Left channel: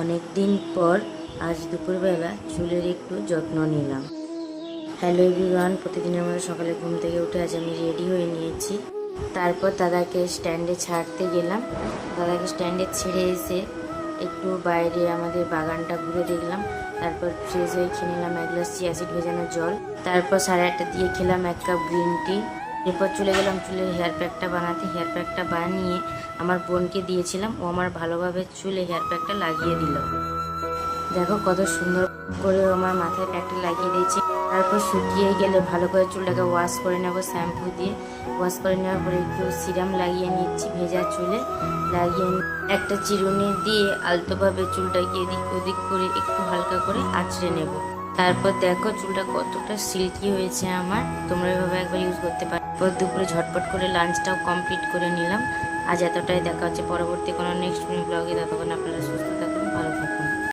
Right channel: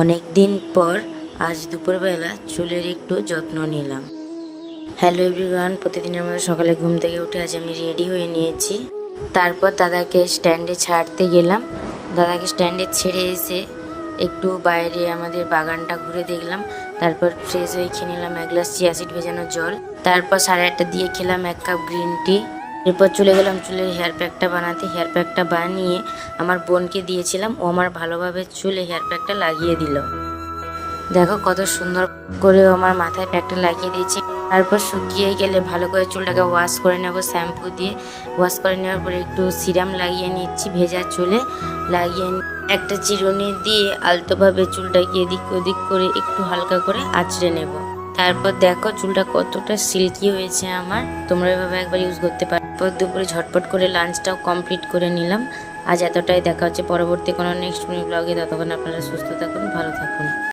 অনেক দিন পর আজ দুপুরবেলা চুলের একটু যত্ন নিলাম। হ্যালো এভরিওয়ান, প্রতিদিনের মতো সকালে ঘুম থেকে উঠে আজ আমি রেডি হয়ে নিয়েছি। তারপর দাদাকে স্ট্যান্ডে ছাড়তে গেলাম। দাদাকে স্ট্যান্ডে ছেড়ে এসে একটু বাইরে আমাদের বাগানটা ঘুরে দেখলাম। তারপর ফ্রেশ হয়ে খেয়ে নিলাম এক গ্লাস চিয়া সিড ভেজানো জল। তারপর 8:30 দিয়ে খেলাম 1 কাপ গ্রিন টি। এরপর চলে গেলাম চুলের হেয়ার প্যাকটা বানাতে। হেয়ার প্যাকটা বানিয়ে আমার বোনকে দিয়েছিলাম, ও আমার ভালোভাবে চুলে হেয়ার প্যাকটা লাগিয়ে দিল। দেখো কত সুন্দর করে আমার মাথায় প্যাকটা লাগিয়ে দিয়েছি। তারপর শুকিয়ে গেলে ভালো করে চুলটাকে ওয়াশ করে নেব শ্যাম্পু দিয়ে। ওয়াশ করে নেওয়ার পরে একটু সিরাম লাগিয়ে নিচ্ছি ভেজা চুলে। লাগিয়ে একটা চিরুনি দিয়ে আলতোভাবে চুলটাকে এদিক ওদিক করে একটু হালকা করে আঁচড়ে নেব। তারপর দেখো চুলটা কতটা সিল্কি হয়েছে আমার। তোমরা এভাবে একবার ইউজ করতে পারো। দুপুরে ঝটপট করে লাঞ্চটাও কমপ্লিট করে নিলাম। আজ এতটাই, দেখা হচ্ছে পরবর্তী কোনো নেক্সট ব্লগে। ততক্ষণ আপনারা সুস্থ থাকুন।